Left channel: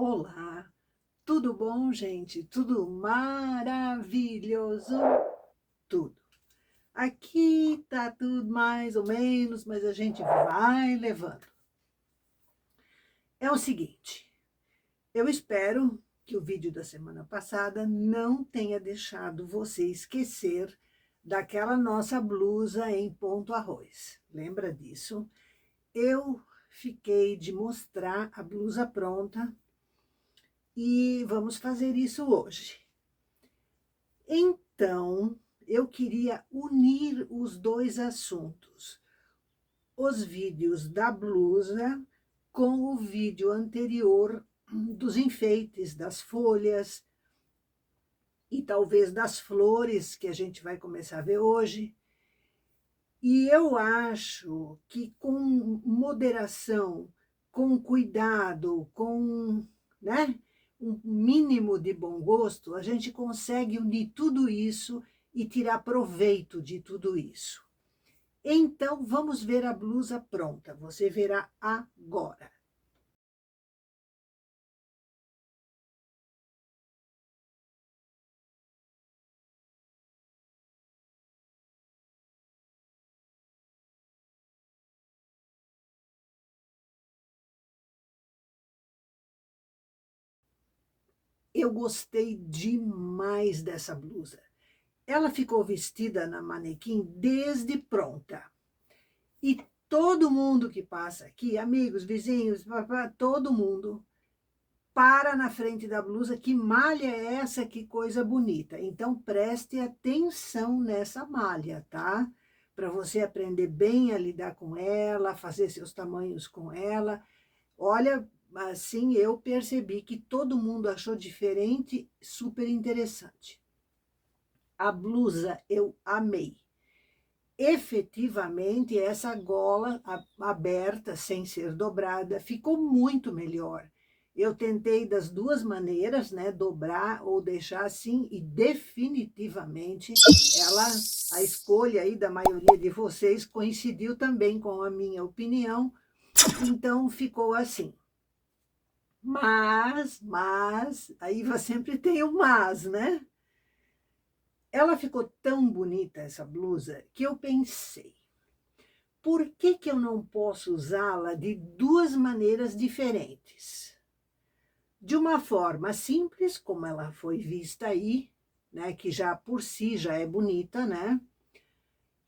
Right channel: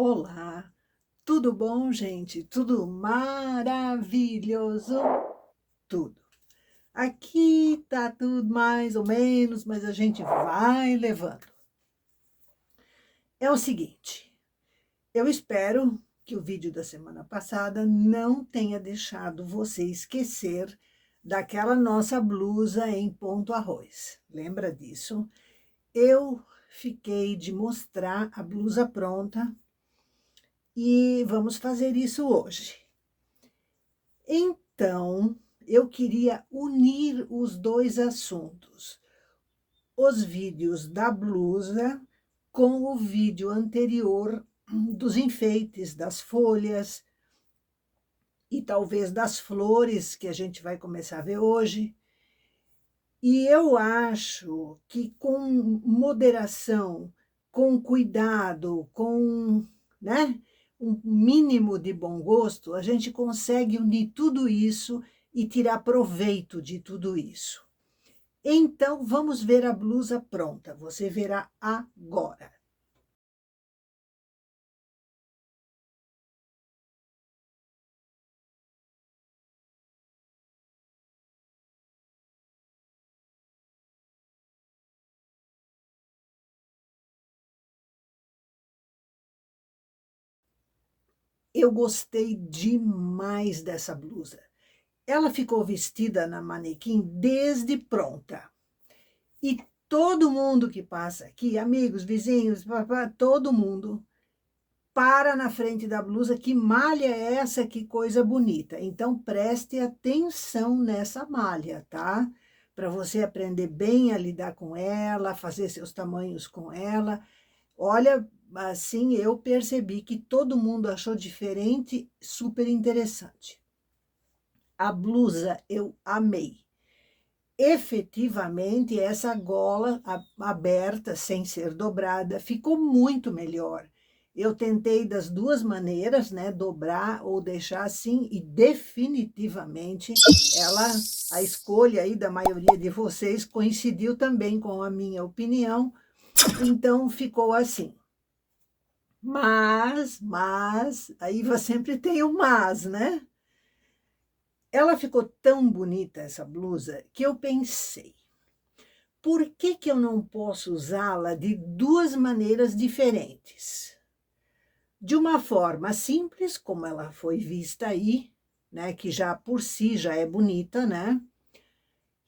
Olá, tudo bom, gente? Tudo maravilhoso? Tudo. Aqui tá tudo mais ou menos, mas a gente vai levando. É o seguinte, eu espero que o vídeo da semana passada não tenha deixado você esquecer daquela nossa blusa em ponto arroz. Lembra disso? Eu fiquei de mostrar a blusa pronta e vamos fazer isso hoje. Então, eu queria unir os dois assuntos, os vídeos da blusa com o vídeo anterior dos enfeites, das folhas e talvez das flores que a gente vai começar a ver hoje. E eu acho que com moderação, com cuidado, com, né, um mínimo de bom gosto, a gente consegue unir tudo isso e tirar proveito de tudo isso. Então, vamos ver a blusa pronta. Você verá agora. Eu gostei demais dessa blusa. Ela ficou vestida na manequim desde pronta. E todo mundo que passa aqui, amigos, vizinhos, papá, todo mundo, para na frente da blusa, que malha é essa, que coisa bonita. Então, preste atenção nessa malha, tá? Para você aprender bem a lidar com ela, fazer seus tamanhos com ela. Olha, assim, eu percebi que todo mundo achou diferente, super interessante. A blusa eu amei. Efetivamente, essa gola aberta, sem ser dobrada, ficou muito melhor. Eu tentei das duas maneiras, né, dobrar ou deixar assim, e definitivamente a escolha aí da maioria de vocês coincidiu também com a minha opinião, então ficou assim. Aí sempre tem o mas, né? Ela ficou tão bonita, essa blusa, que eu pensei, por que eu não posso usá-la de duas maneiras diferentes? De uma forma simples, como ela foi vista aí, né, que já por si já é bonita, né?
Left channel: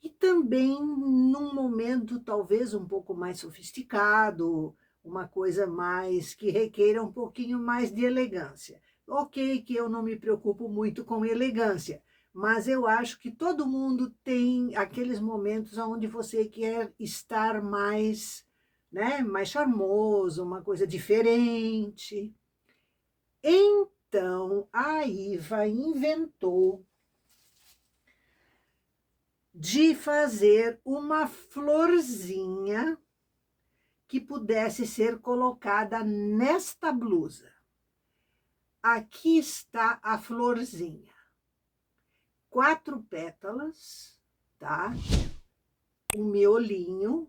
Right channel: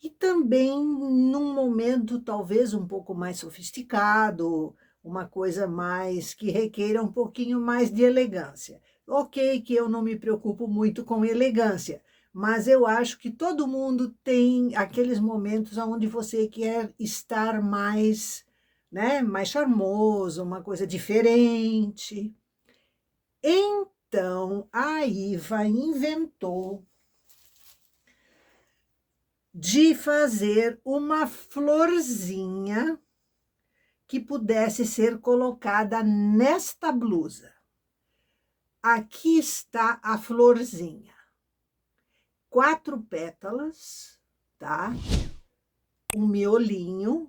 E também num momento talvez um pouco mais sofisticado, uma coisa mais que requeira um pouquinho mais de elegância. Ok, que eu não me preocupo muito com elegância, mas eu acho que todo mundo tem aqueles momentos onde você quer estar mais, né, mais charmoso, uma coisa diferente. Então, a Iva inventou de fazer uma florzinha que pudesse ser colocada nesta blusa. Aqui está a florzinha. 4 pétalas, tá? Um miolinho.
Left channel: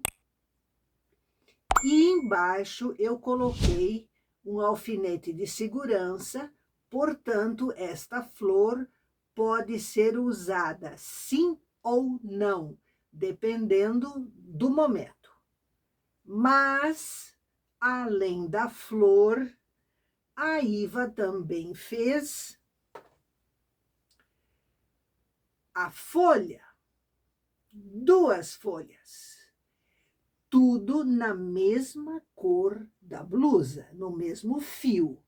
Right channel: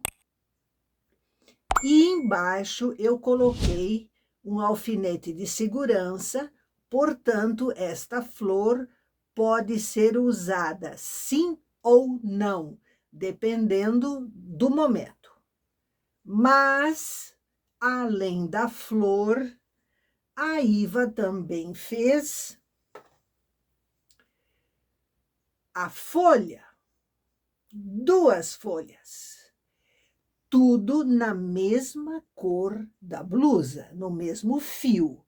E embaixo eu coloquei um alfinete de segurança, portanto, esta flor pode ser usada sim ou não, dependendo do momento. Mas, além da flor, a Iva também fez a folha, 2 folhas, tudo na mesma cor da blusa, no mesmo fio.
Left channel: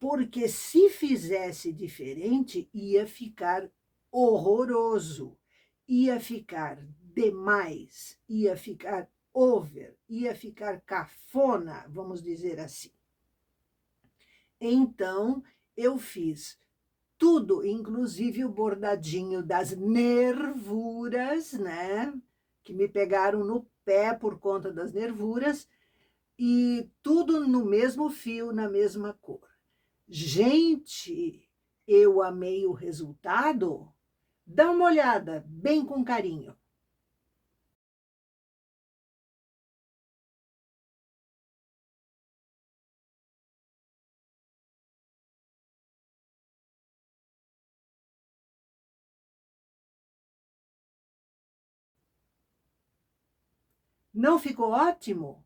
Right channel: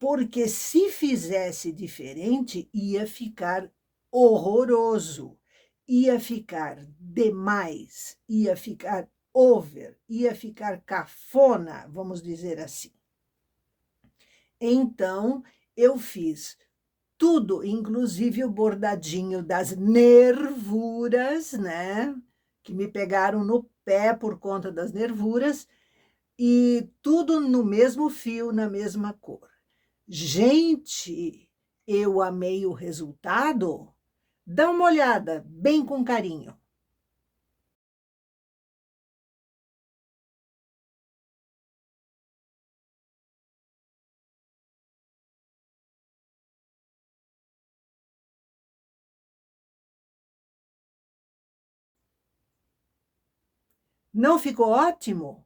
Porque se fizesse diferente, ia ficar horroroso, ia ficar demais, ia ficar over, ia ficar cafona, vamos dizer assim. Então, eu fiz tudo, inclusive o bordadinho das nervuras, né? Que me pegaram no pé por conta das nervuras, e tudo no mesmo fio, na mesma cor. Gente, eu amei o resultado. Dá uma olhada, bem com carinho. Não ficou ótimo?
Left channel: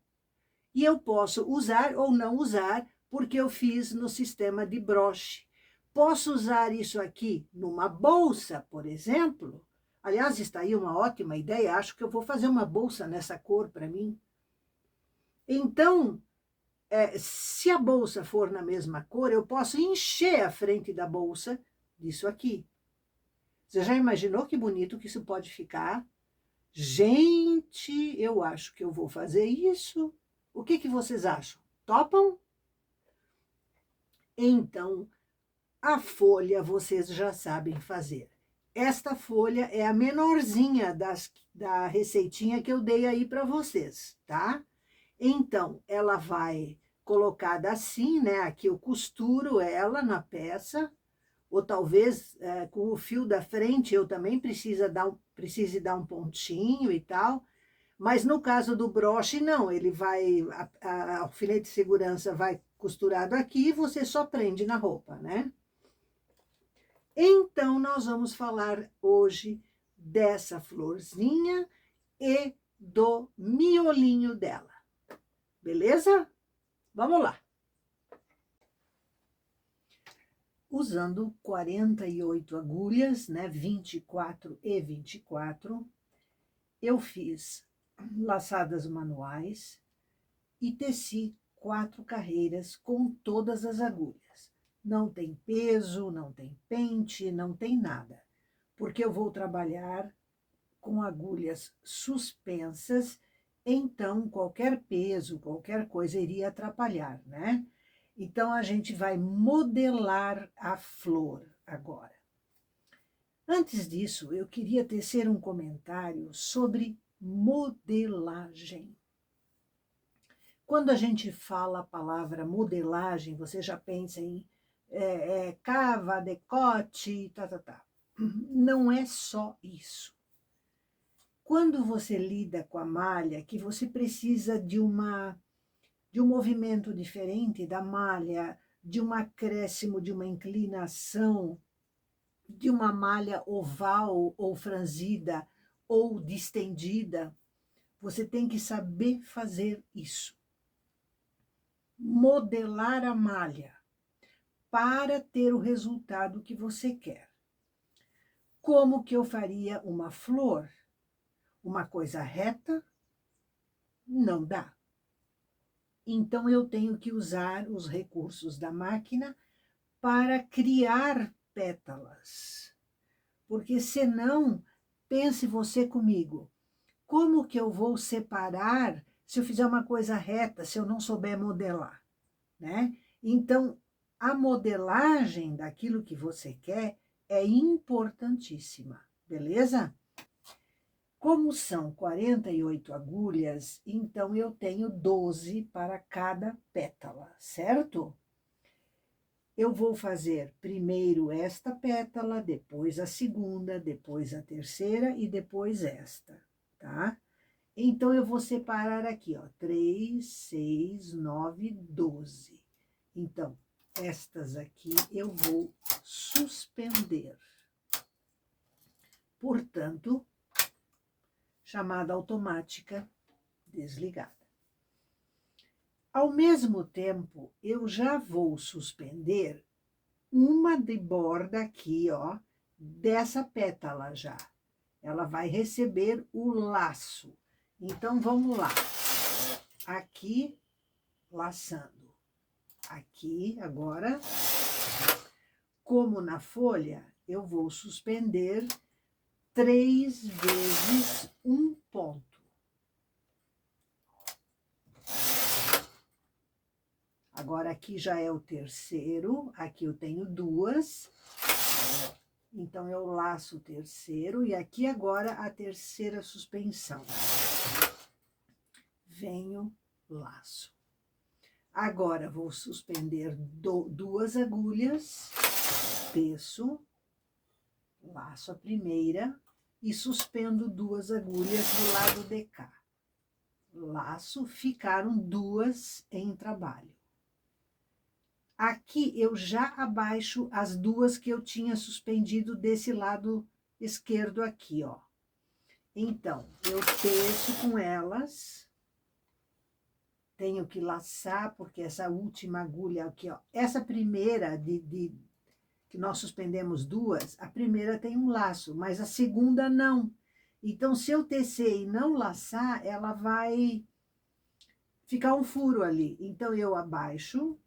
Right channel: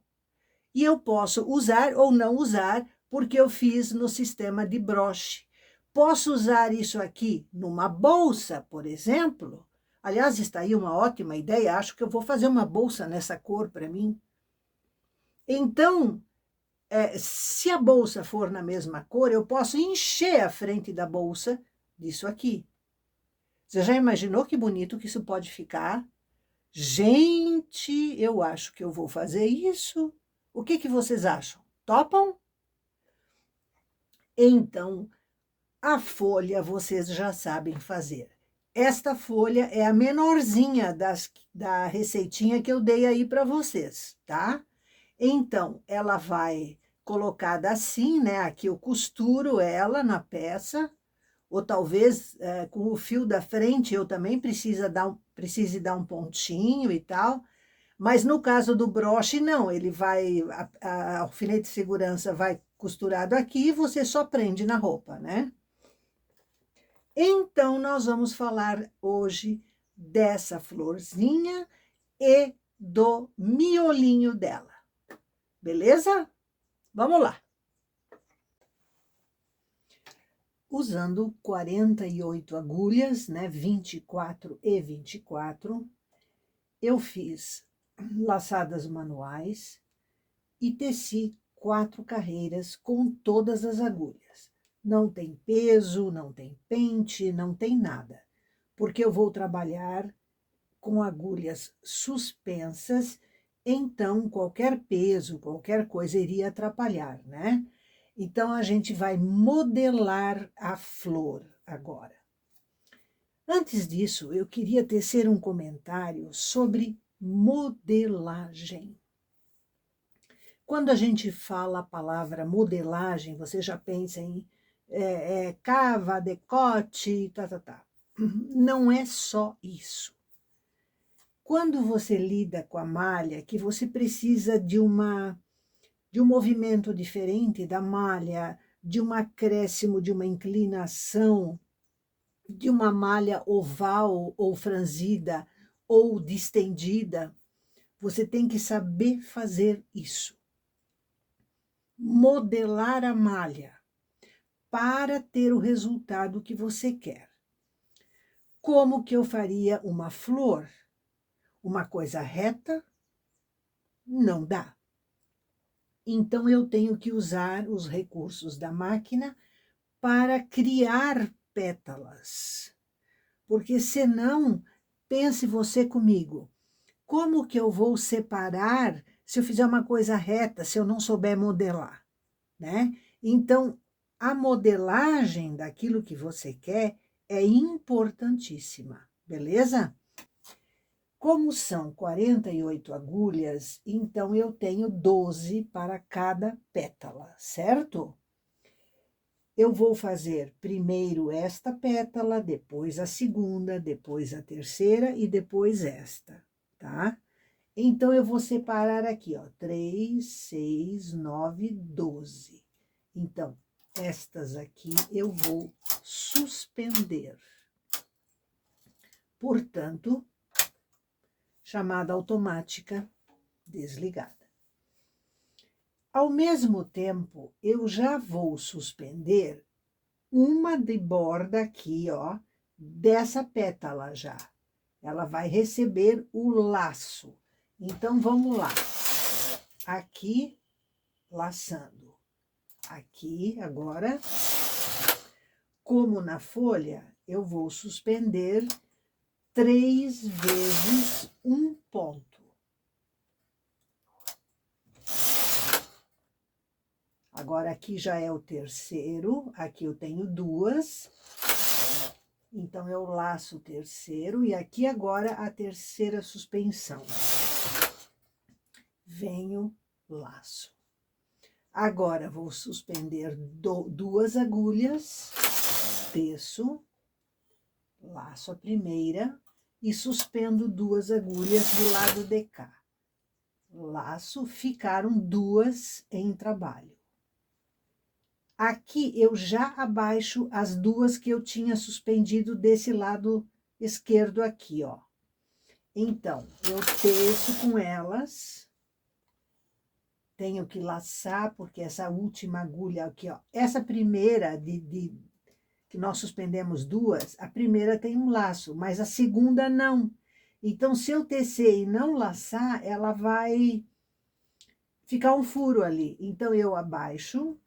E eu posso usar ou não usar, porque eu fiz no sistema de broche. Posso usar isso aqui numa bolsa, por exemplo. Aliás, está aí uma ótima ideia. Acho que eu vou fazer uma bolsa nessa cor para mim. Então, se a bolsa for na mesma cor, eu posso encher a frente da bolsa disso aqui. Você já imaginou que bonito que isso pode ficar? Gente, eu acho que eu vou fazer isso. O que vocês acham? Topam? Então, a folha vocês já sabem fazer. Esta folha é a menorzinha da receitinha que eu dei aí para vocês, tá? Então, ela vai colocada assim, né? Aqui eu costuro ela na peça, ou talvez com o fio da frente eu também precise dar um pontinho e tal. Mas no caso do broche, não, ele vai, a alfinete de segurança vai costurado aqui e você só prende na roupa, né? Então, nós vamos falar hoje dessa florzinha e do miolinho dela, beleza? Vamos lá. Usando 48 agulhas, né, 24 e 24, eu fiz laçadas manuais e teci 4 carreiras com todas as agulhas. Não tem peso, não tem pente, não tem nada, porque eu vou trabalhar com agulhas suspensas, então qualquer peso, qualquer coisa iria atrapalhar, né? Então a gente vai modelar a flor agora. Antes disso, eu queria tecer um comentário sobre modelagem. Quando a gente fala a palavra modelagem, você já pensa em cava, decote, tá. Não é só isso. Quando você lida com a malha, que você precisa de um movimento diferente da malha, de um acréscimo, de uma inclinação, de uma malha oval ou franzida ou distendida, você tem que saber fazer isso. Modelar a malha para ter o resultado que você quer. Como que eu faria uma flor? Uma coisa reta? Não dá. Então, eu tenho que usar os recursos da máquina para criar pétalas. Porque senão, pense você comigo, como que eu vou separar se eu fizer uma coisa reta, se eu não souber modelar, né? Então, a modelagem daquilo que você quer é importantíssima, beleza? Como são 48 agulhas, então eu tenho 12 para cada pétala, certo? Eu vou fazer primeiro esta pétala, depois a segunda, depois a terceira e depois esta, tá? Então, eu vou separar aqui, ó, 3, 6, 9, 12. Então, estas aqui eu vou suspender. Portanto, chamada automática desligada. Ao mesmo tempo, eu já vou suspender uma de borda aqui, ó, dessa pétala já. Ela vai receber o laço. Então, vamos lá. Aqui, laçando. Aqui, agora, como na folha, eu vou suspender 3 vezes um ponto. Agora, aqui já é o terceiro, aqui eu tenho 2. Então, eu laço o terceiro e aqui agora a terceira suspensão. Venho, laço. Agora, vou suspender 2 agulhas, teço, laço a primeira e suspendo 2 agulhas do lado de cá. Laço, ficaram 2 em trabalho. Aqui eu já abaixo as 2 que eu tinha suspendido desse lado esquerdo aqui, ó. Então, eu teço com elas. Tenho que laçar, porque essa última agulha aqui, ó. Essa primeira que nós suspendemos duas, a primeira tem um laço, mas a segunda não. Então, se eu tecer e não laçar, ela vai ficar um furo ali. Então, eu abaixo.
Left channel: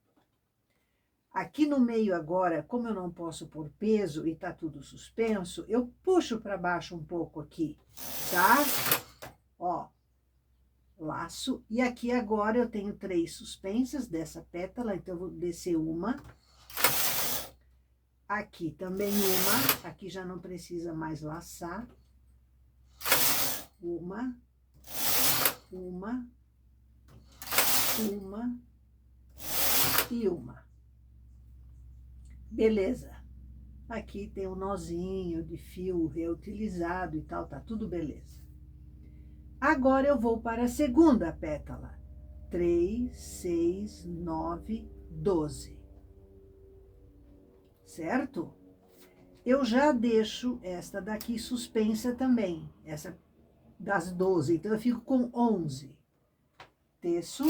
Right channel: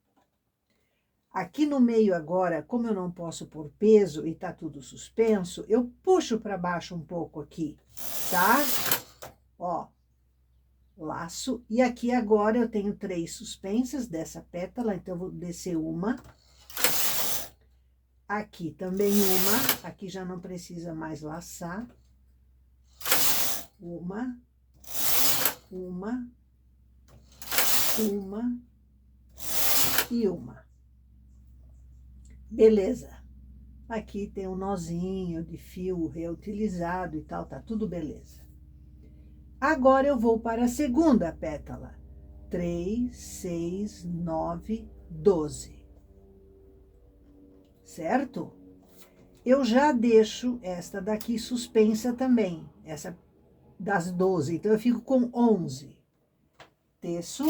Aqui no meio agora, como eu não posso pôr peso e tá tudo suspenso, eu puxo para baixo um pouco aqui, tá? Ó, laço. E aqui agora eu tenho 3 suspensas dessa pétala, então eu vou descer uma. Aqui também uma, aqui já não precisa mais laçar. Uma, e uma. Beleza. Aqui tem um nozinho de fio reutilizado e tal, tá tudo beleza. Agora eu vou para a segunda pétala. 3, 6, 9, 12. Certo? Eu já deixo esta daqui suspensa também, essa das 12. Então, eu fico com 11. Teço,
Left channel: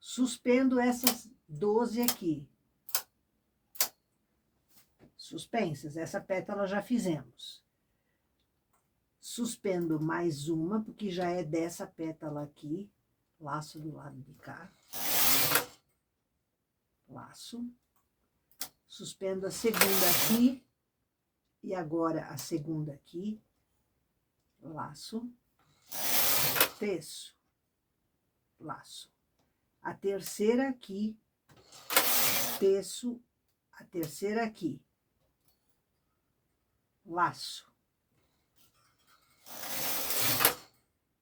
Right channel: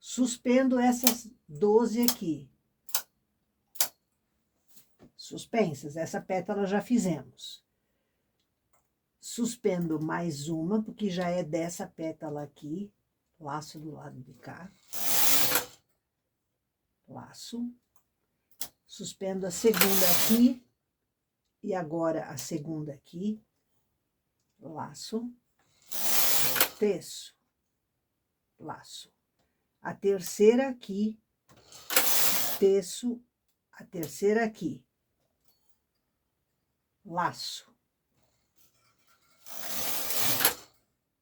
suspendo essas 12 aqui. Suspensas, essa pétala já fizemos. Suspendo mais uma, porque já é dessa pétala aqui. Laço do lado de cá. Laço. Suspendo a segunda aqui. E agora a segunda aqui. Laço. Teço. Laço. A terceira aqui. Teço. A terceira aqui. Laço.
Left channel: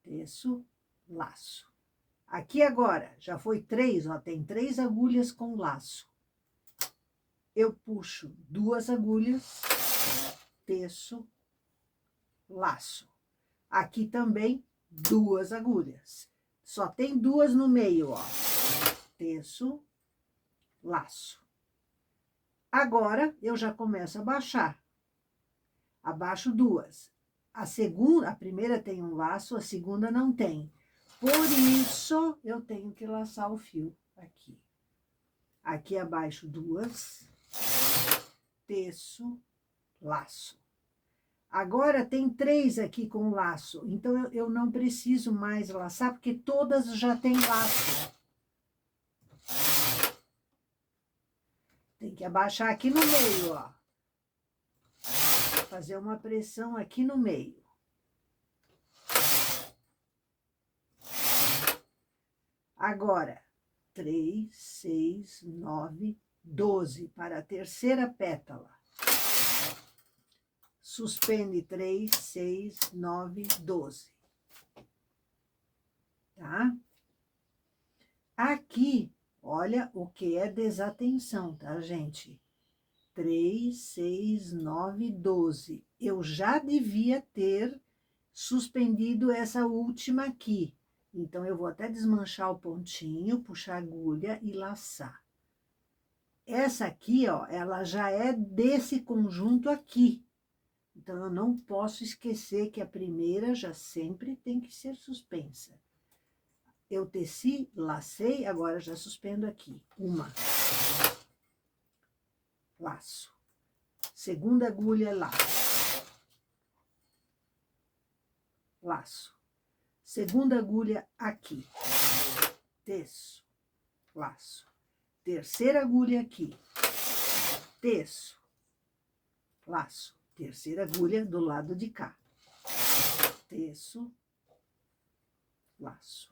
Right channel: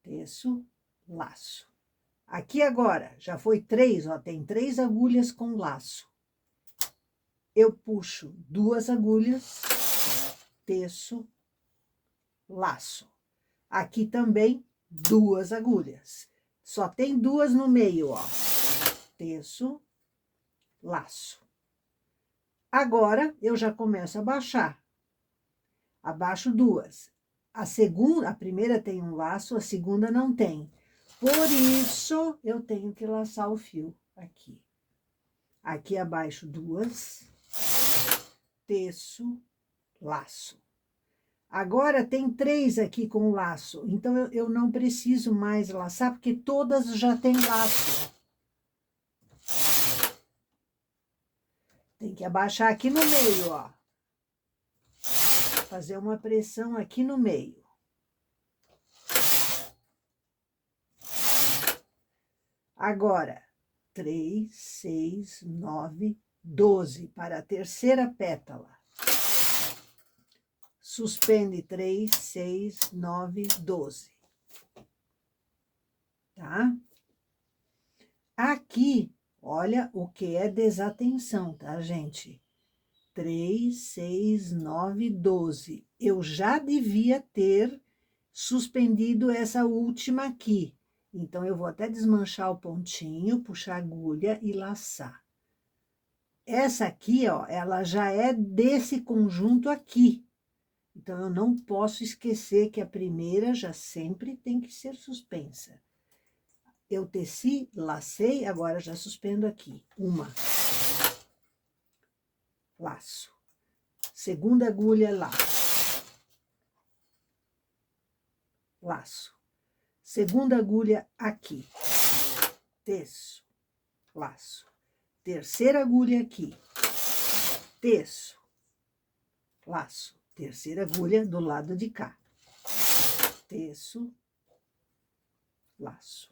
Teço, laço. Aqui agora, já foi 3, ó, tem 3 agulhas com laço. Eu puxo 2 agulhas, teço, laço. Aqui também 2 agulhas. Só tem 2 no meio, ó. Teço, laço. Agora, eu já começo a baixar. Abaixo 2. A primeira tem um laço, a segunda não tem. Por isso, eu tenho que laçar o fio aqui. Aqui abaixo 2, teço, laço. Agora tem 3 aqui com laço, então eu não preciso mais laçar, porque todas já têm laço. Tem que abaixar aqui no meio, ó. Fazer uma pressão aqui no meio. Agora, 3, 6, 9, 12 para a terceira pétala. Suspende 3, 6, 9, 12. Tá? Aqui, olha o que é desatenção, tá, gente? 3, 6, 9, 12. Eu já devia ter suspendido essa última aqui. Então, eu vou até desmanchar o pontinho, puxar a agulha e laçar. Essa aqui, ó, ela já é desse conjunto aqui. Então, eu não posso esquecer que a primeira já sempre tem que ser suspensa. Eu teci, lacei, agora já suspendo aqui. Uma. Laço. Segunda agulha, laço. Laço. Segunda agulha aqui. Teço. Laço. Terceira agulha aqui. Teço. Laço. Terceira agulha do lado de cá. Teço. Laço.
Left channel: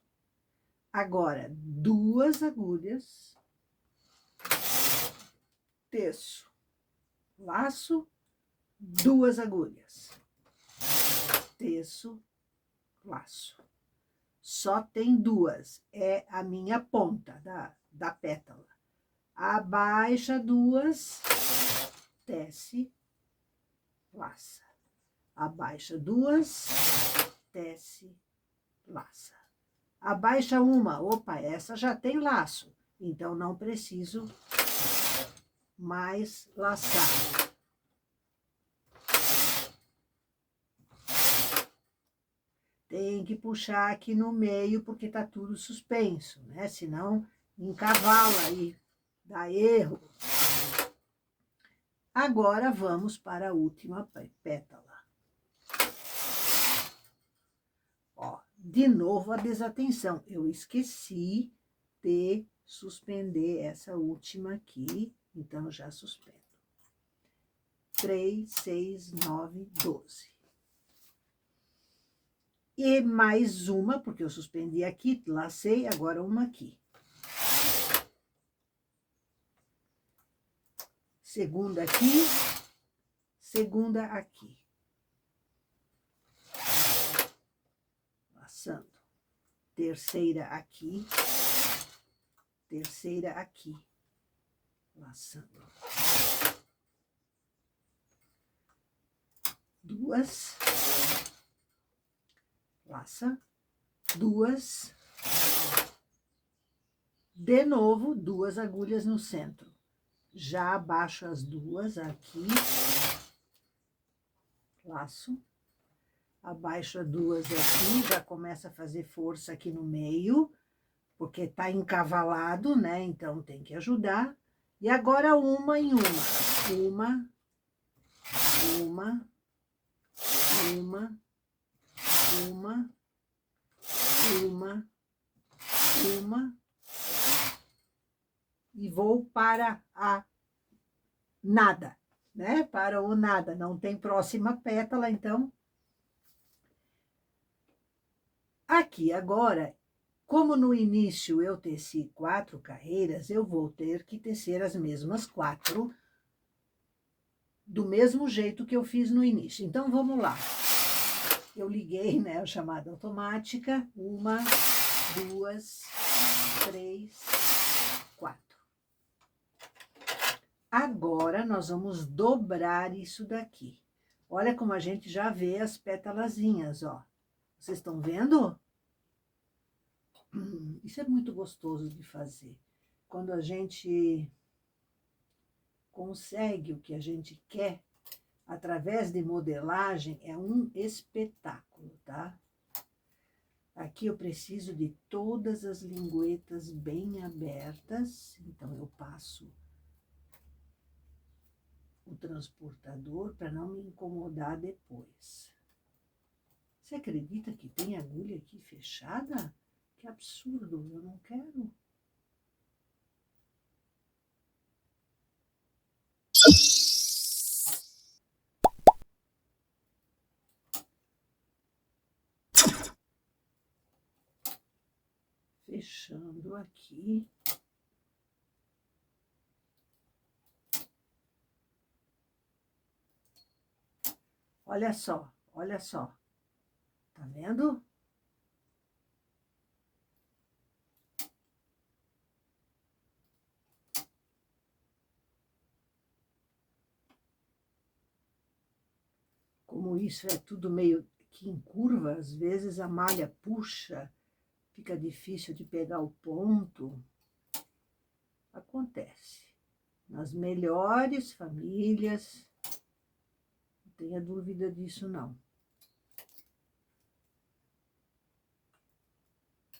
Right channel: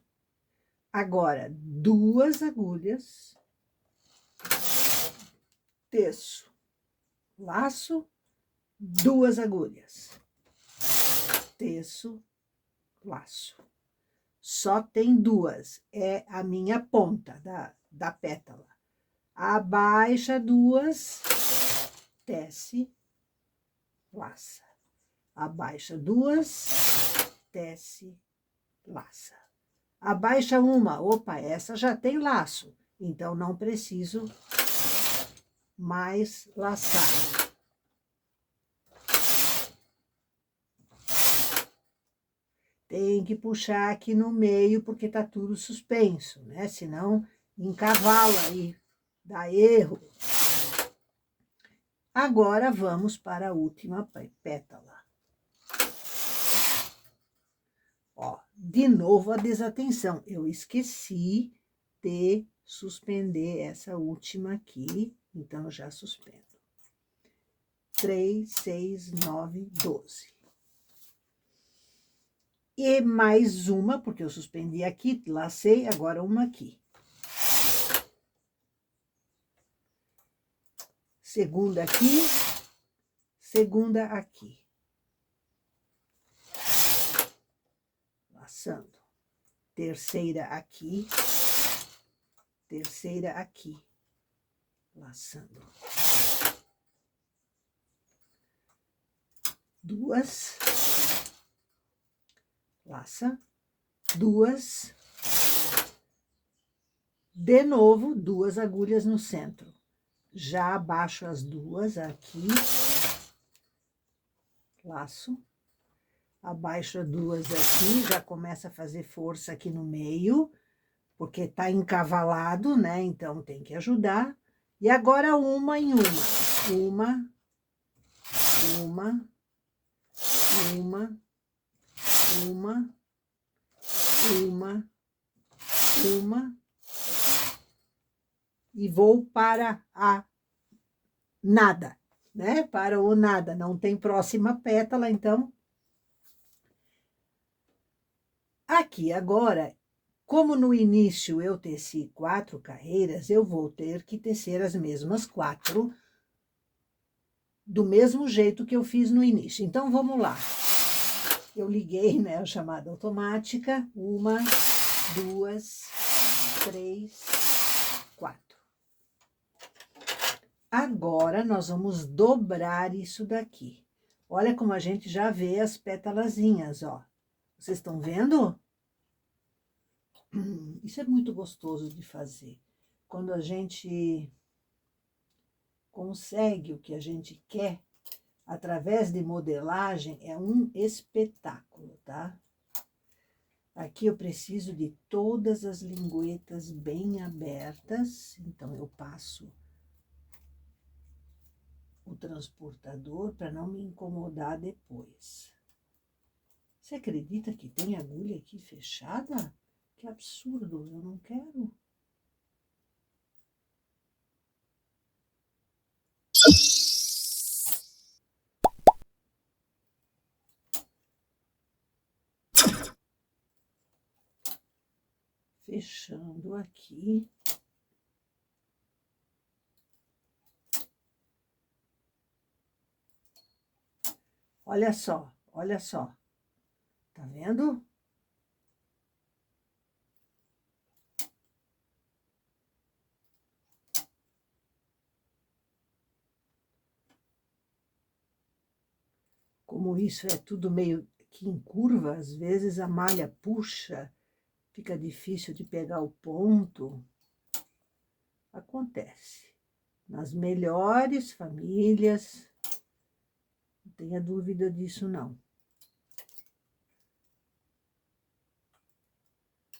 Agora, 2 agulhas. Teço. Laço. 2 agulhas. Teço. Laço. Só tem 2. É a minha ponta da pétala. Abaixa 2. Tece. Laça. Abaixa 2. Tece. Laça. Abaixa uma. Opa, essa já tem laço. Então, não preciso mais laçar. Tem que puxar aqui no meio, porque tá tudo suspenso, né? Senão encavala e dá erro. Agora vamos para a última pétala. Ó, de novo a desatenção. Eu esqueci de suspender essa última aqui, então já suspendo. 3, 6, 9, 12. E mais uma, porque eu suspendi aqui, lacei, agora uma aqui. Segunda aqui, segunda aqui. Laçando. Terceira aqui, terceira aqui. Laçando. Duas. Laça. Duas. De novo, duas agulhas no centro. Já abaixo as duas aqui. Laço. Abaixo as duas aqui, já começa a fazer força aqui no meio, porque tá encavalado, né? Então tem que ajudar. E agora uma em uma. Uma. E vou para a nada, né? Para o nada, não tem próxima pétala, então. Aqui agora, como no início eu teci 4 carreiras, eu vou ter que tecer as mesmas 4, do mesmo jeito que eu fiz no início. Então, vamos lá. Eu liguei, né, a chamada automática. 1, 2, 3, 4. Agora, nós vamos dobrar isso daqui. Olha como a gente já vê as pétalazinhas, ó. Vocês estão vendo? Isso é muito gostoso de fazer. Quando a gente consegue o que a gente quer, através de modelagem, é um espetáculo, tá? Aqui eu preciso de todas as linguetas bem abertas, então eu passo o transportador para não me incomodar depois. Você acredita que tem agulha aqui fechada? Que absurdo, eu não quero. Fechando aqui. Olha só, olha só. Tá vendo? Como isso é tudo meio que em curva, às vezes a malha puxa, fica difícil de pegar o ponto. Acontece. Nas melhores famílias, não tenha dúvida disso, não.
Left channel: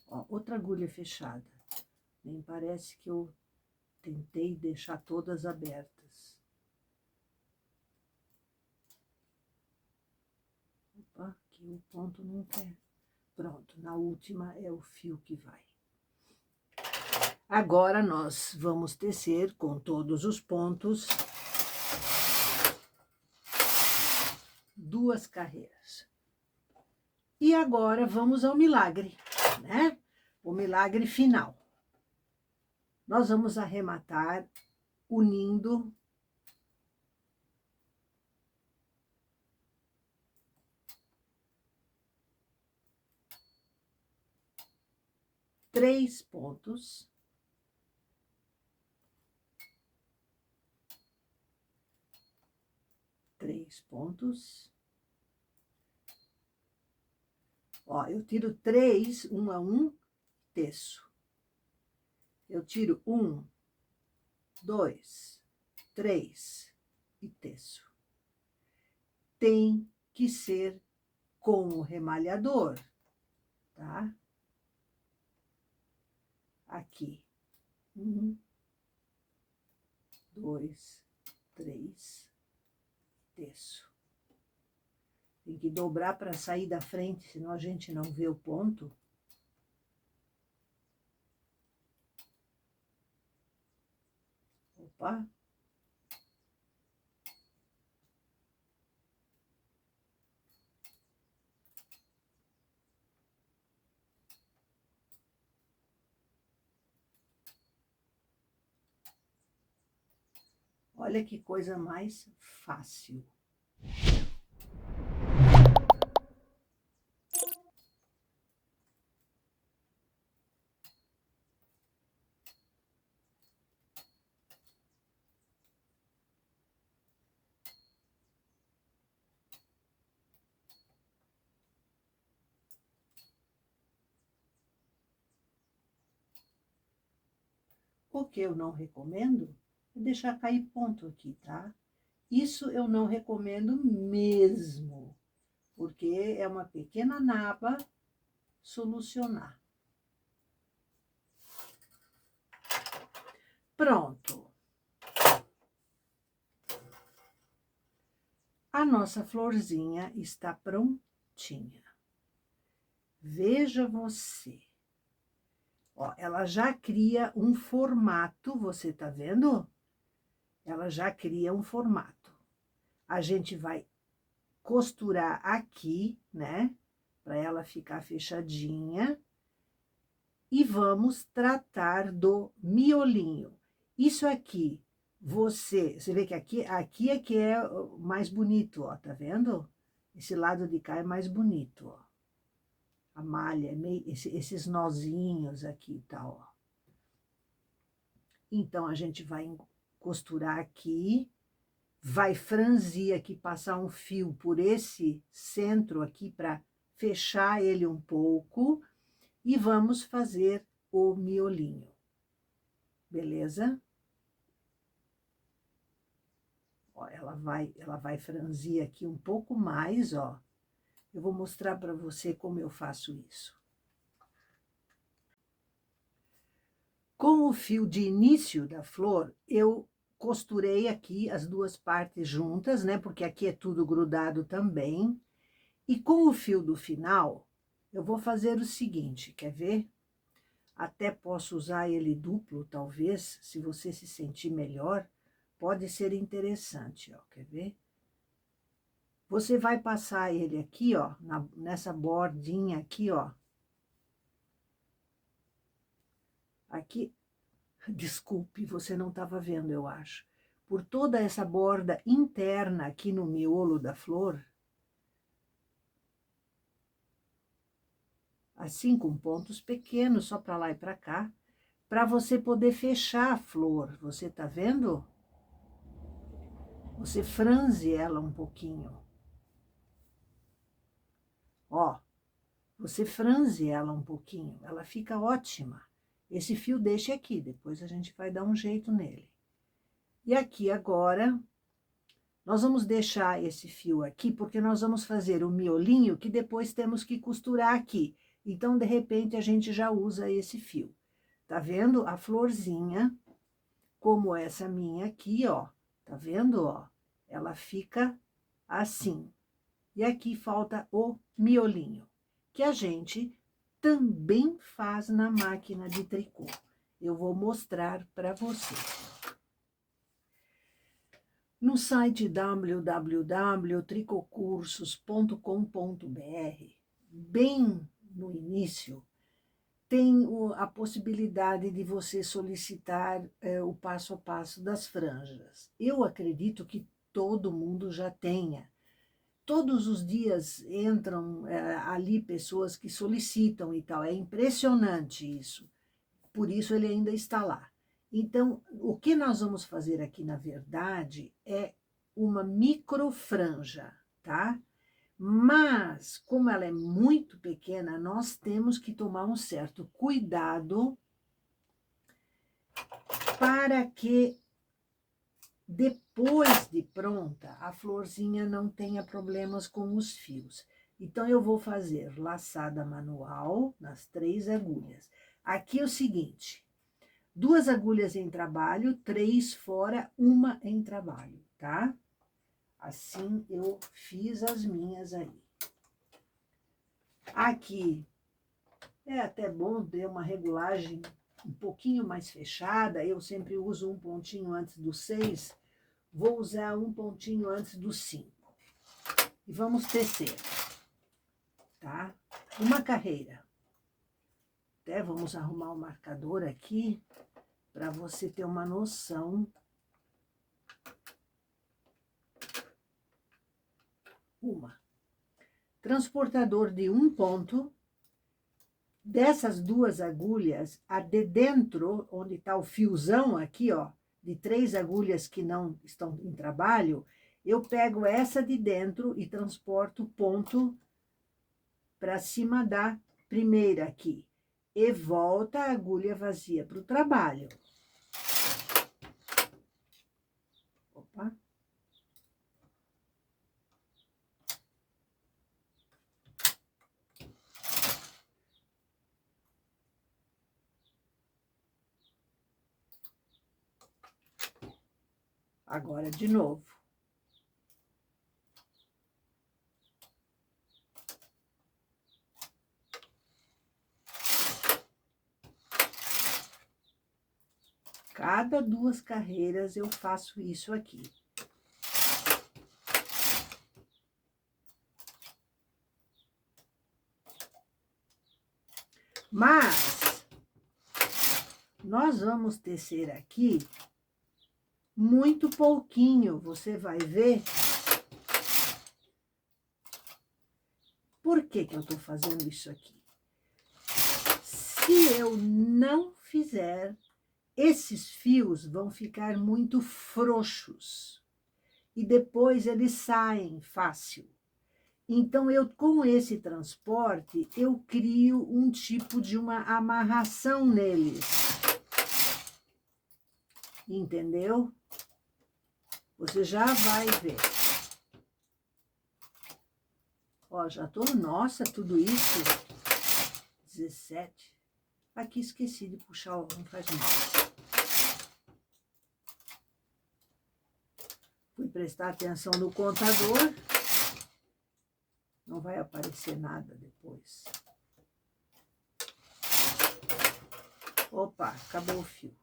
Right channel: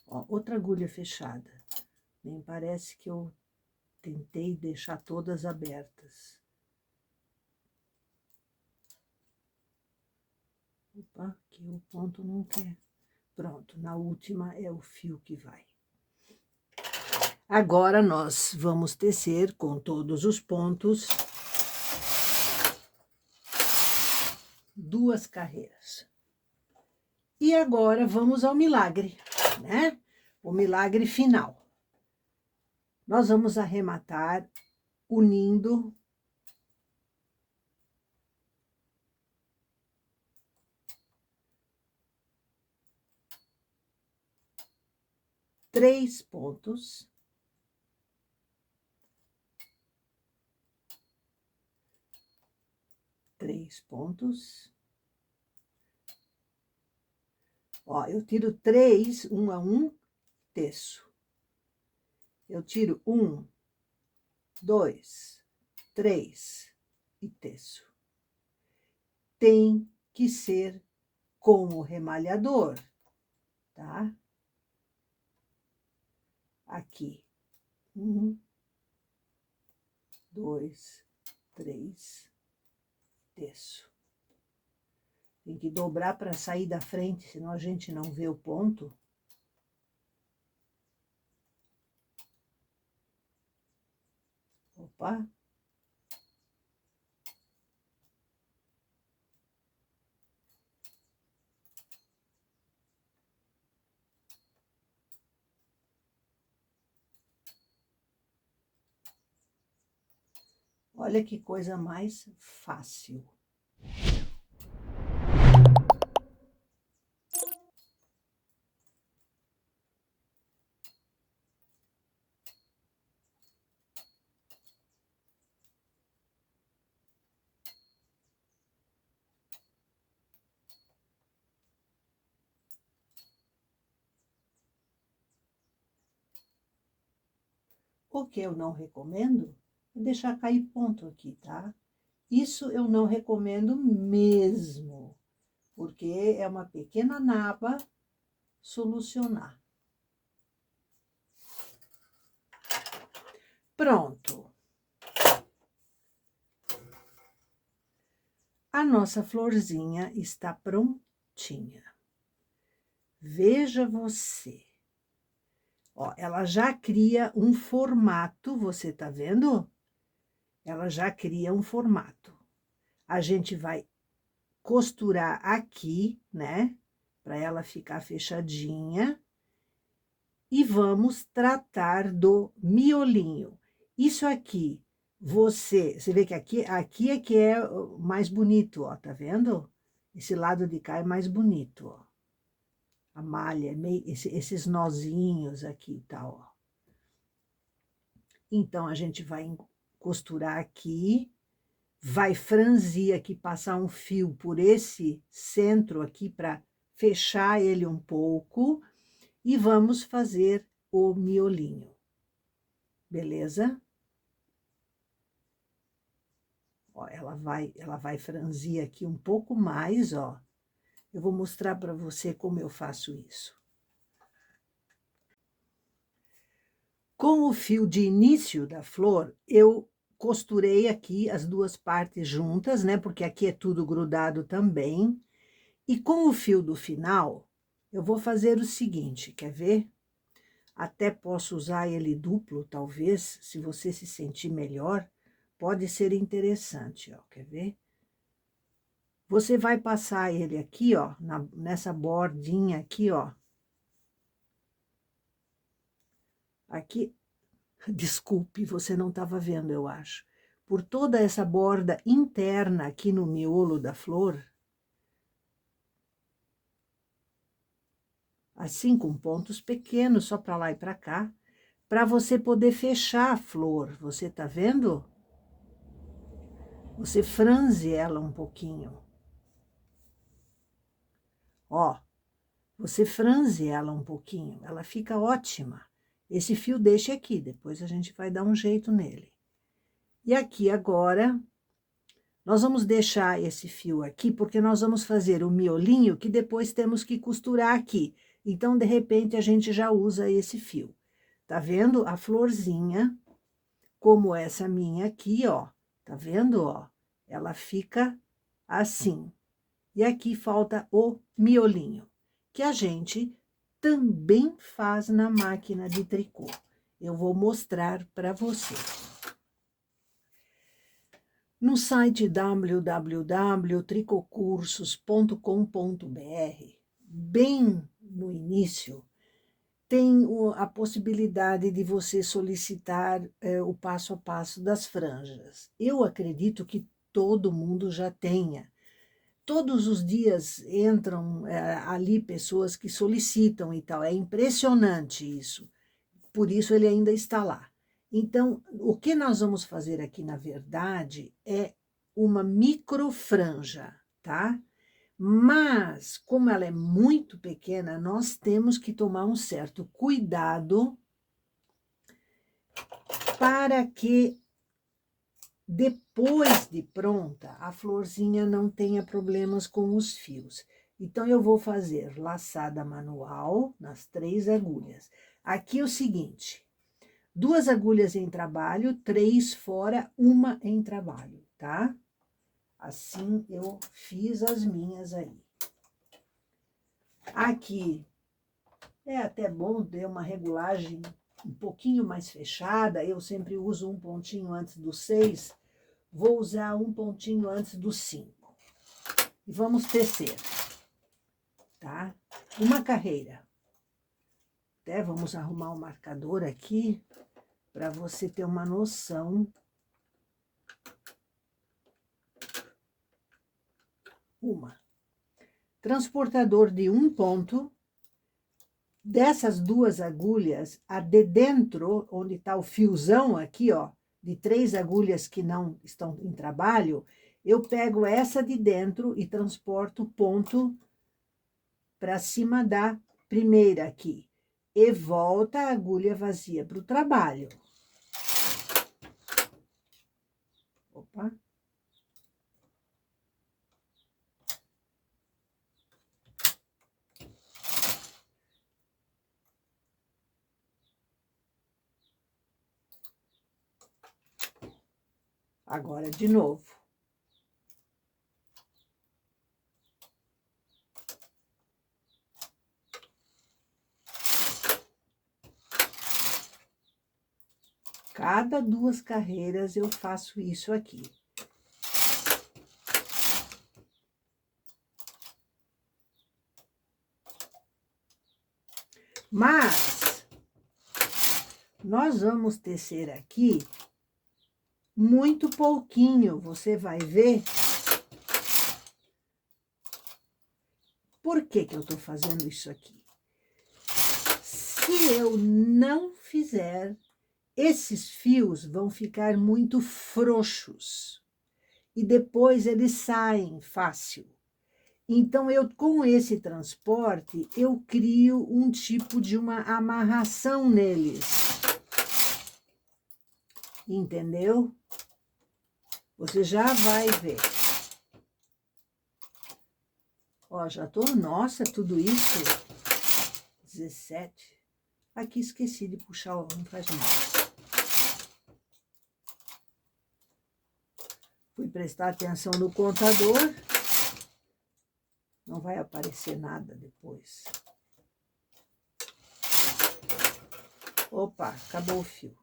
Ó, outra agulha fechada. Nem parece que eu tentei deixar todas abertas. Opa, aqui o ponto não quer. Pronto, na última é o fio que vai. Agora, nós vamos tecer com todos os pontos 2 carreiras. E agora, vamos ao milagre, né? O milagre final. Nós vamos arrematar unindo três pontos. Três pontos. Ó, eu tiro 3, 1 a 1, teço. Eu tiro 1, 2, 3 e teço. Tem que ser com o remalhador. tá? Aqui. 1, 2, 3, teço. Tem que dobrar para sair da frente, senão a gente não vê o ponto. Opa! Olha que coisa mais fácil. O que eu não recomendo é deixar cair ponto aqui, tá? Isso eu não recomendo mesmo, porque é uma pequena naba solucionar. Pronto. A nossa florzinha está prontinha. Veja você. Ó, ela já cria um formato, você tá vendo? Ela já cria um formato. A gente vai costurar aqui, né? Para ela ficar fechadinha. E vamos tratar do miolinho. Isso aqui, você vê que aqui é que é mais bonito, ó, tá vendo? Esse lado de cá é mais bonito, ó. A malha, esses nozinhos aqui e tal, ó. Então, a gente vai costurar aqui, vai franzir aqui, passar um fio por esse centro aqui para fechar ele um pouco e vamos fazer o miolinho. Beleza? Ó, ela vai franzir aqui um pouco mais, ó. Eu vou mostrar para você como eu faço isso. Com o fio de início da flor, eu costurei aqui as duas partes juntas, né? Porque aqui é tudo grudado também. E com o fio do final, eu vou fazer o seguinte, quer ver? Até posso usar ele duplo, talvez, se você se sentir melhor, pode ser interessante, ó, quer ver? Você vai passar ele aqui, ó, nessa bordinha aqui, ó. Aqui, desculpe, você não estava vendo, eu acho. Por toda essa borda interna aqui no miolo da flor, assim com pontos pequenos, só para lá e para cá, para você poder fechar a flor. Você tá vendo? Você franze ela um pouquinho. Ó, você franze ela um pouquinho, ela fica ótima. Esse fio deixa aqui, depois a gente vai dar um jeito nele. E aqui agora, nós vamos deixar esse fio aqui, porque nós vamos fazer o miolinho que depois temos que costurar aqui. Então, de repente, a gente já usa esse fio. Tá vendo? A florzinha, como essa minha aqui, ó. Tá vendo, ó? Ela fica assim. E aqui falta o miolinho, que a gente também faz na máquina de tricô. Eu vou mostrar para você. No site www.tricocursos.com.br, bem no início, tem a possibilidade de você solicitar o passo a passo das franjas. Eu acredito que todo mundo já tenha. Todos os dias entram ali pessoas que solicitam e tal. É impressionante isso. Por isso ele ainda está lá. Então, o que nós vamos fazer aqui, na verdade, é uma microfranja, tá? Mas, como ela é muito pequena, nós temos que tomar um certo cuidado para que depois de pronta, a florzinha não tenha problemas com os fios. Então, eu vou fazer laçada manual nas 3 agulhas. Aqui é o seguinte, 2 agulhas em trabalho, 3 fora, 1 em trabalho, tá? Assim, eu fiz as minhas aí. Aqui, é até bom ter uma regulagem um pouquinho mais fechada. Eu sempre uso um pontinho antes do 6, vou usar um pontinho antes do 5. E vamos tecer, tá? Uma carreira. Até vamos arrumar o marcador aqui, para você ter uma noção. Uma. Transportador de 1 ponto. Dessas 2 agulhas, a de dentro, onde está o fiozão aqui, ó, de 3 agulhas que não estão em trabalho, eu pego essa de dentro e transporto o ponto para cima da primeira aqui. E volta a agulha vazia para o trabalho. Opa. Agora, de novo. Cada 2 carreiras eu faço isso aqui. Mas, nós vamos tecer aqui muito pouquinho, você vai ver. Por que que eu tô fazendo isso aqui? Se eu não fizer, esses fios vão ficar muito frouxos. E depois eles saem fácil. Então, eu, com esse transporte, eu crio um tipo de uma amarração neles. Entendeu? Você já vai ver. Ó, já tô, nossa, tudo isso, 17. Aqui esqueci de puxar o faz-mal. Fui prestar atenção no contador. Não vai aparecer nada depois. Opa, acabou o fio.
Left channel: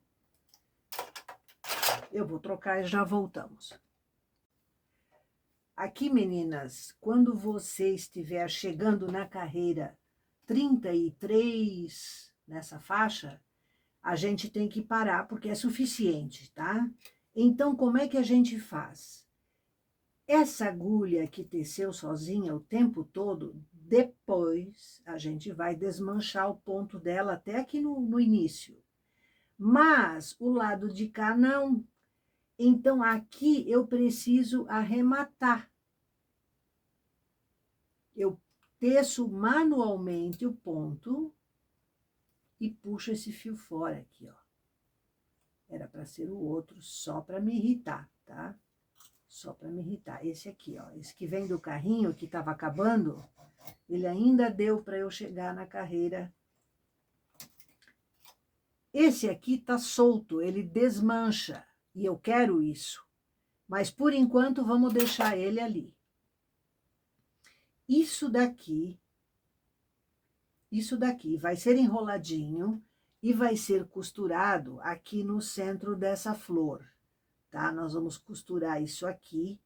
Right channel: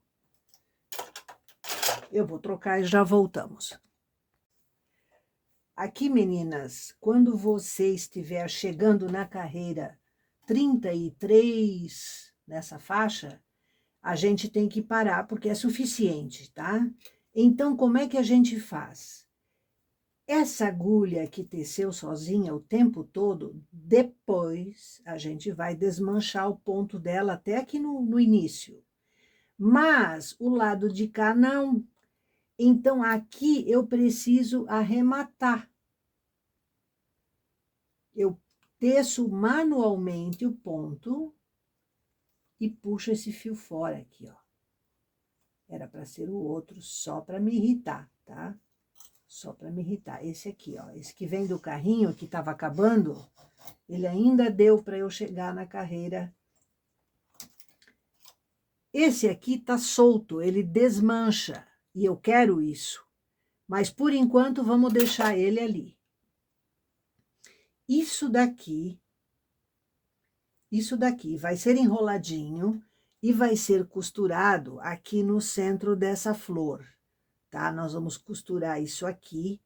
Eu vou trocar e já voltamos. Aqui, meninas, quando você estiver chegando na carreira 33, nessa faixa, a gente tem que parar, porque é suficiente, tá? Então, como é que a gente faz? Essa agulha que teceu sozinha o tempo todo, depois a gente vai desmanchar o ponto dela até aqui no início. Mas o lado de cá não. Então, aqui eu preciso arrematar. Eu teço manualmente o ponto e puxo esse fio fora aqui, ó. Era para ser o outro, só para me irritar, tá? Só para me irritar. Esse aqui, ó, esse que vem do carrinho, que estava acabando, ele ainda deu para eu chegar na carreira. Esse aqui tá solto, ele desmancha, e eu quero isso. Mas, por enquanto, vamos deixar ele ali. Isso daqui vai ser enroladinho e vai ser costurado aqui no centro dessa flor, tá? Nós vamos costurar isso aqui.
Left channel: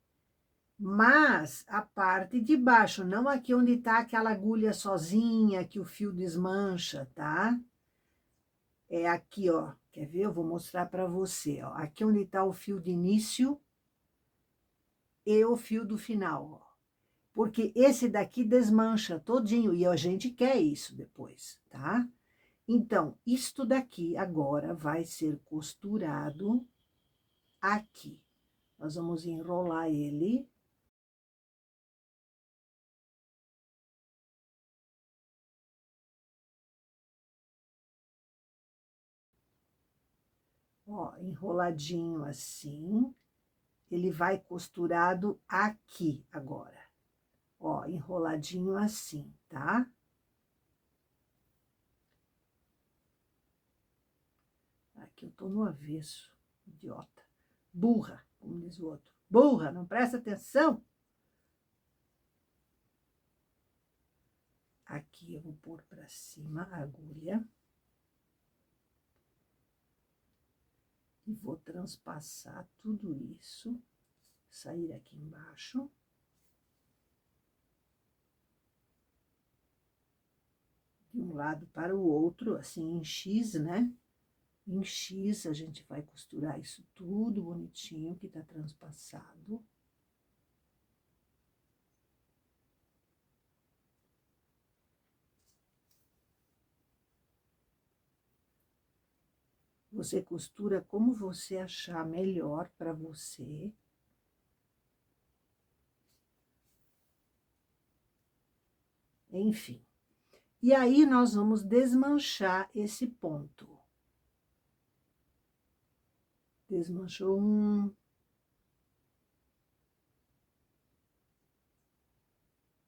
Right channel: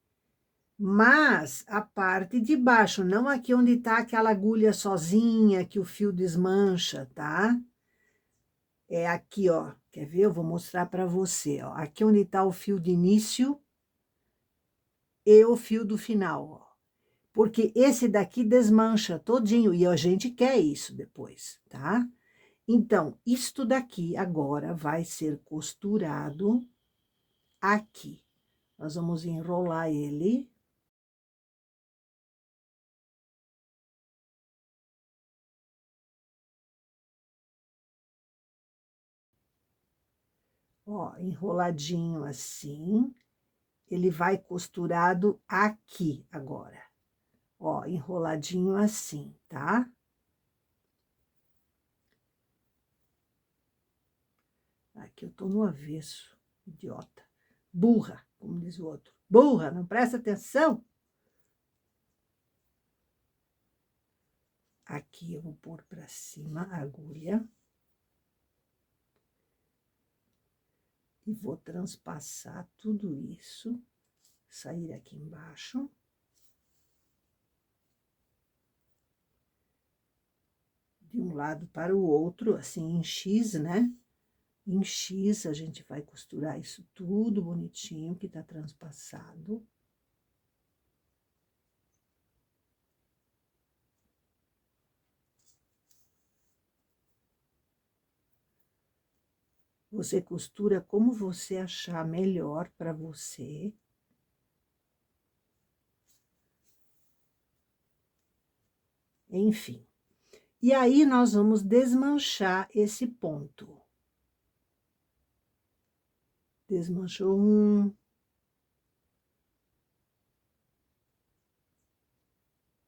Mas a parte de baixo, não aqui onde tá aquela agulha sozinha, que o fio desmancha, tá? É aqui, ó. Quer ver? Eu vou mostrar para você, ó. Aqui onde tá o fio de início e o fio do final, ó. Porque esse daqui desmancha todinho e a gente quer isso depois, tá? Então, isto daqui agora vai ser costurado aqui. Nós vamos enrolar ele. Ó, enroladinho assim. Ele vai costurado aqui agora. Ó, enroladinho assim, tá? Aqui eu tô no avesso, idiota. Burra, como diz o outro. Burra, não presta atenção? Aqui eu vou pôr para cima a agulha. E vou transpassar tudo isso, sair aqui embaixo. De um lado para o outro, assim, em X, né? Em X, a gente vai costurar isso tudo bonitinho, que tá transpassado. Você costura como você achar melhor para você. Enfim. E aí, nós vamos desmanchar esse ponto. Desmanchou um.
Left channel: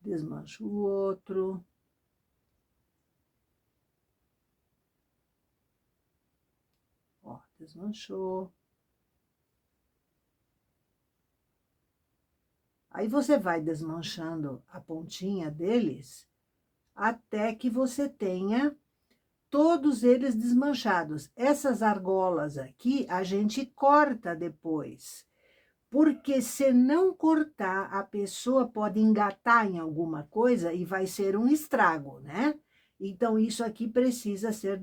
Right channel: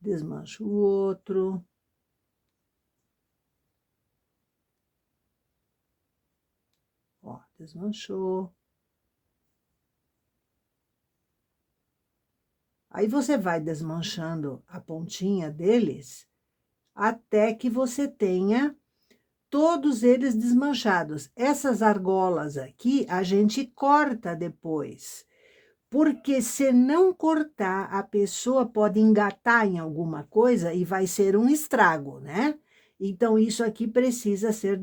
Desmancho o outro. Ó, desmanchou. Aí você vai desmanchando a pontinha deles até que você tenha todos eles desmanchados. Essas argolas aqui a gente corta depois, porque se não cortar, a pessoa pode engatar em alguma coisa e vai ser um estrago, né? Então, isso aqui precisa ser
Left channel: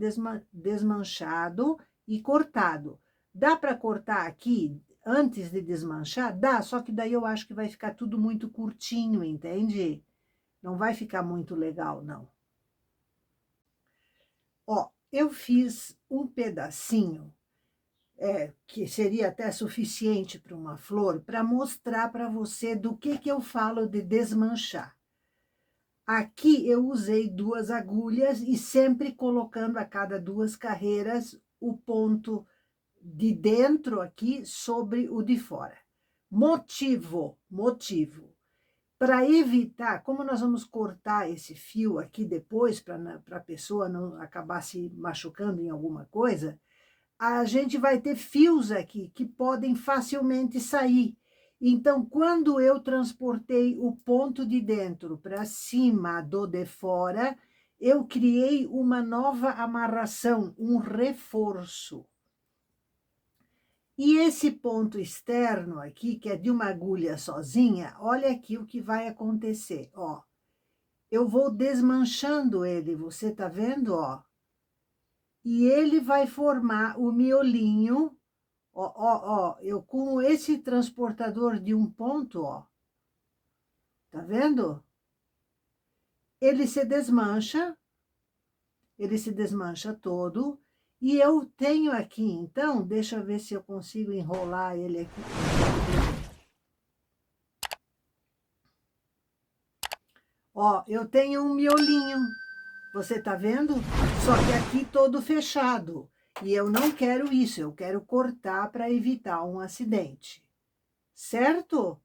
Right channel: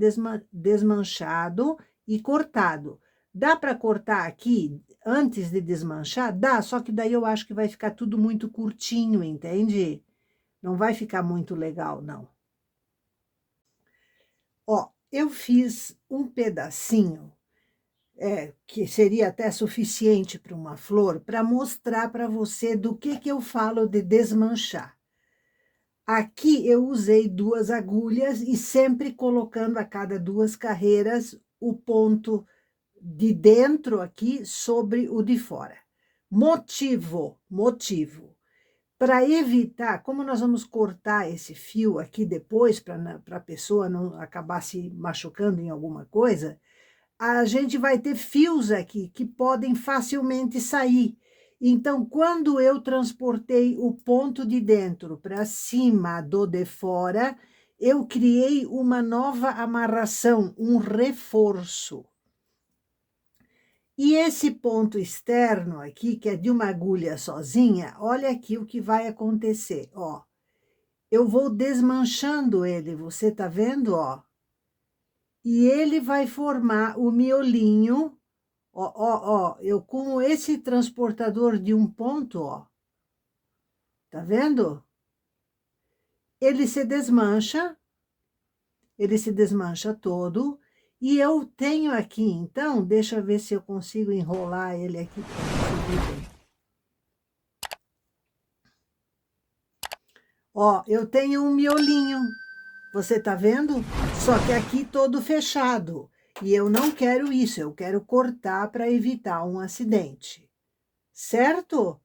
desmanchado e cortado. Dá para cortar aqui antes de desmanchar? Dá, só que daí eu acho que vai ficar tudo muito curtinho, entende? Não vai ficar muito legal, não. Ó, eu fiz um pedacinho, que seria até suficiente para uma flor, para mostrar para você do que eu falo de desmanchar. Aqui eu usei 2 agulhas e sempre colocando a cada 2 carreiras o ponto de dentro aqui sobre o de fora. Motivo. Para evitar, como nós vamos cortar esse fio aqui depois, para a pessoa não acabar se machucando em alguma coisa, a gente vai ter fios aqui que podem facilmente sair. Então, quando eu transportei o ponto de dentro para cima do de fora, eu criei uma nova amarração, um reforço. E esse ponto externo aqui, que é de uma agulha sozinha, olha aqui o que vai acontecer, ó. Eu vou desmanchando ele, você tá vendo, ó? E ele vai formar o miolinho, ó, eu com esse transportador de um ponto, ó. Tá vendo? Ele se desmancha todo, e eu tenho aqui, então, deixa eu ver se eu consigo enrolar ele aqui. Ó, eu tenho um miolinho, você tá vendo? Só que aqui todo fechado. E eu não quero isso, eu quero cortar para evitar um acidente. Certo?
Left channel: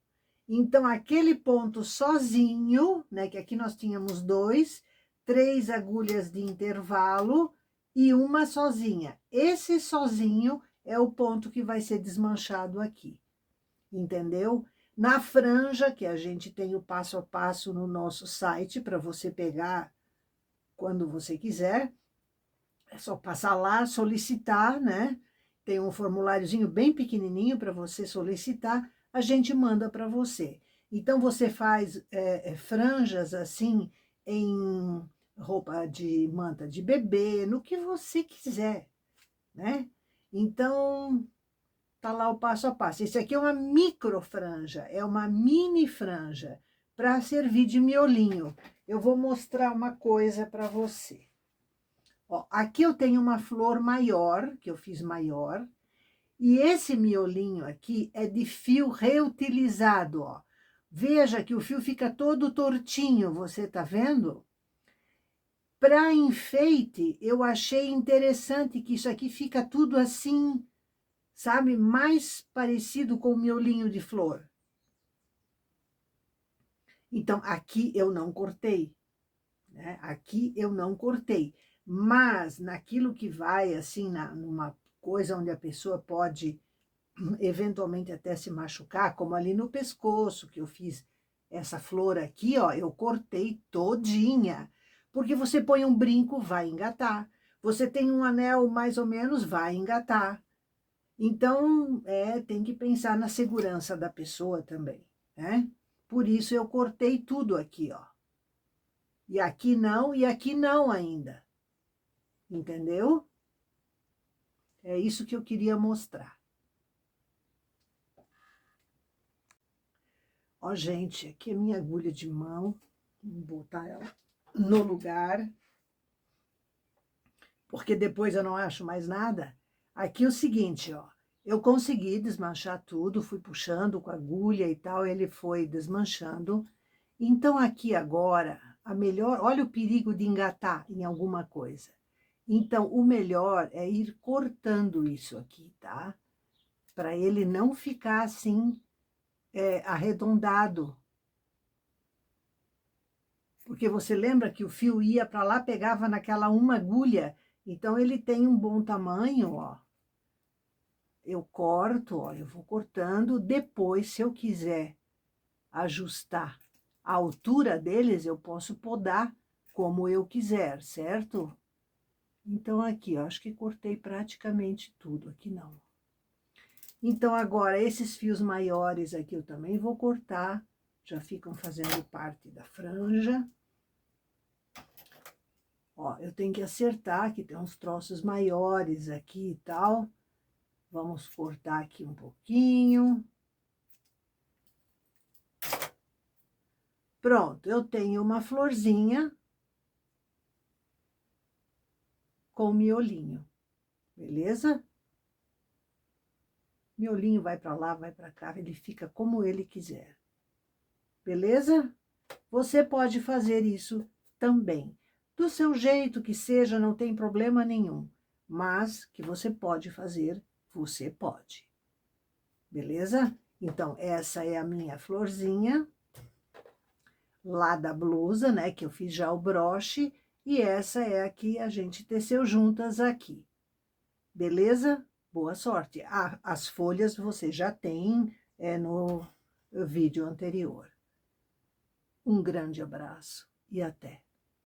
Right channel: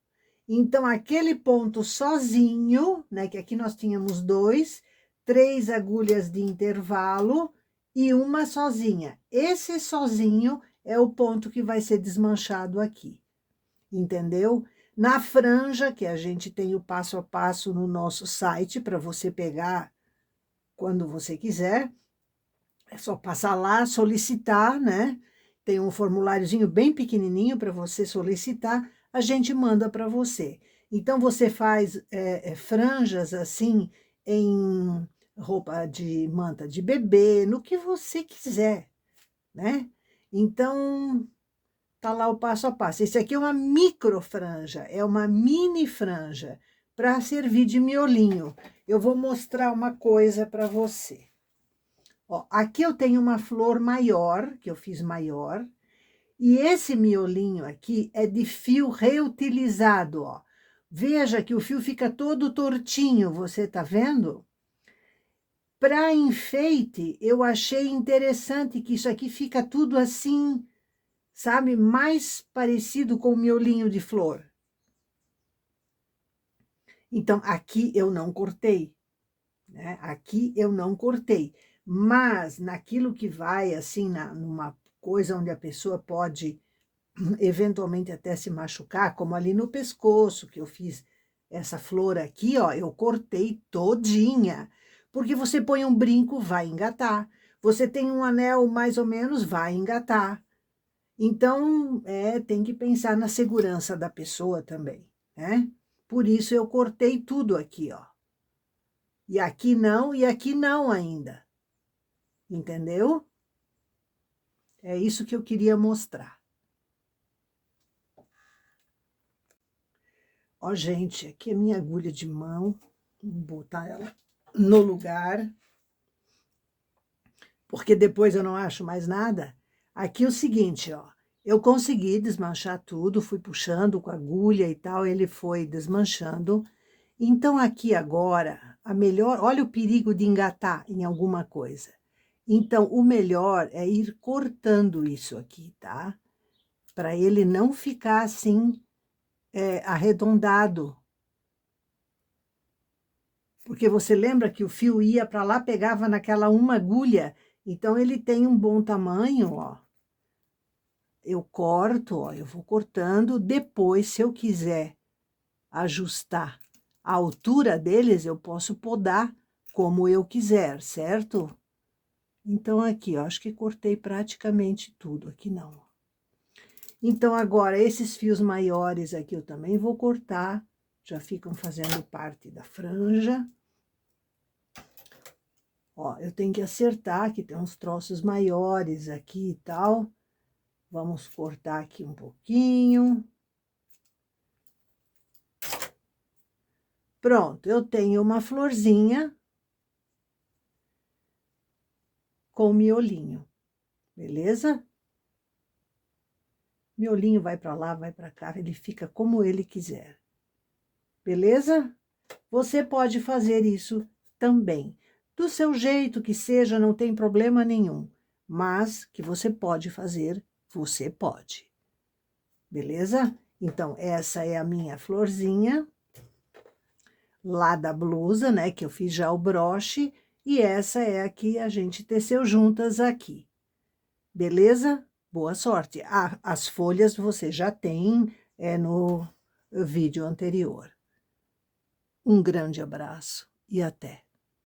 Então, aquele ponto sozinho, né? Que aqui nós tínhamos 2, 3 agulhas de intervalo e uma sozinha. Esse sozinho é o ponto que vai ser desmanchado aqui. Entendeu? Na franja, que a gente tem o passo a passo no nosso site para você pegar quando você quiser, é só passar lá, solicitar, né? Tem um formuláriozinho bem pequenininho para você solicitar, a gente manda para você. Então, você faz franjas assim, em roupa de manta de bebê, no que você quiser, né? Então, tá lá o passo a passo. Esse aqui é uma micro franja, é uma mini franja, para servir de miolinho. Eu vou mostrar uma coisa para você. Ó, aqui eu tenho uma flor maior, que eu fiz maior, e esse miolinho aqui é de fio reutilizado, ó. Veja que o fio fica todo tortinho, você tá vendo? Para enfeite, eu achei interessante que isso aqui fica tudo assim, sabe? Mais parecido com o miolinho de flor. Então, aqui eu não cortei, né? Aqui eu não cortei. Mas naquilo que vai, assim, numa coisa onde a pessoa pode eventualmente até se machucar, como ali no pescoço, que eu fiz essa flor aqui, ó, eu cortei todinha. Porque você põe um brinco, vai engatar. Você tem um anel, mais ou menos, vai engatar. Então, tem que pensar na segurança da pessoa também, né? Por isso eu cortei tudo aqui, ó. E aqui não ainda. Entendeu? É isso que eu queria mostrar. Ó, gente, aqui é minha agulha de mão. Vou botar ela no lugar, porque depois eu não acho mais nada. Aqui é o seguinte, ó. Eu consegui desmanchar tudo, fui puxando com a agulha e tal, ele foi desmanchando. Então, aqui agora, olha o perigo de engatar em alguma coisa. Então, o melhor é ir cortando isso aqui, tá? Para ele não ficar assim, arredondado. Porque você lembra que o fio ia para lá, pegava naquela uma agulha. Então, ele tem um bom tamanho, ó. Eu corto, ó, eu vou cortando. Depois, se eu quiser ajustar a altura deles, eu posso podar como eu quiser, certo? Então, aqui, ó, acho que cortei praticamente tudo, aqui não. Então, agora, esses fios maiores aqui eu também vou cortar, já ficam fazendo parte da franja. Ó, eu tenho que acertar, que tem uns troços maiores aqui e tal. Vamos cortar aqui um pouquinho. Pronto, eu tenho uma florzinha com miolinho, beleza? Miolinho vai para lá, vai para cá, ele fica como ele quiser, beleza? Você pode fazer isso também. Do seu jeito que seja, não tem problema nenhum. Mas que você pode fazer, você pode. Beleza? Então, essa é a minha florzinha lá da blusa, né? Que eu fiz já o broche. E essa é a que a gente teceu juntas aqui. Beleza? Boa sorte. As folhas você já tem no vídeo anterior. Um grande abraço e até!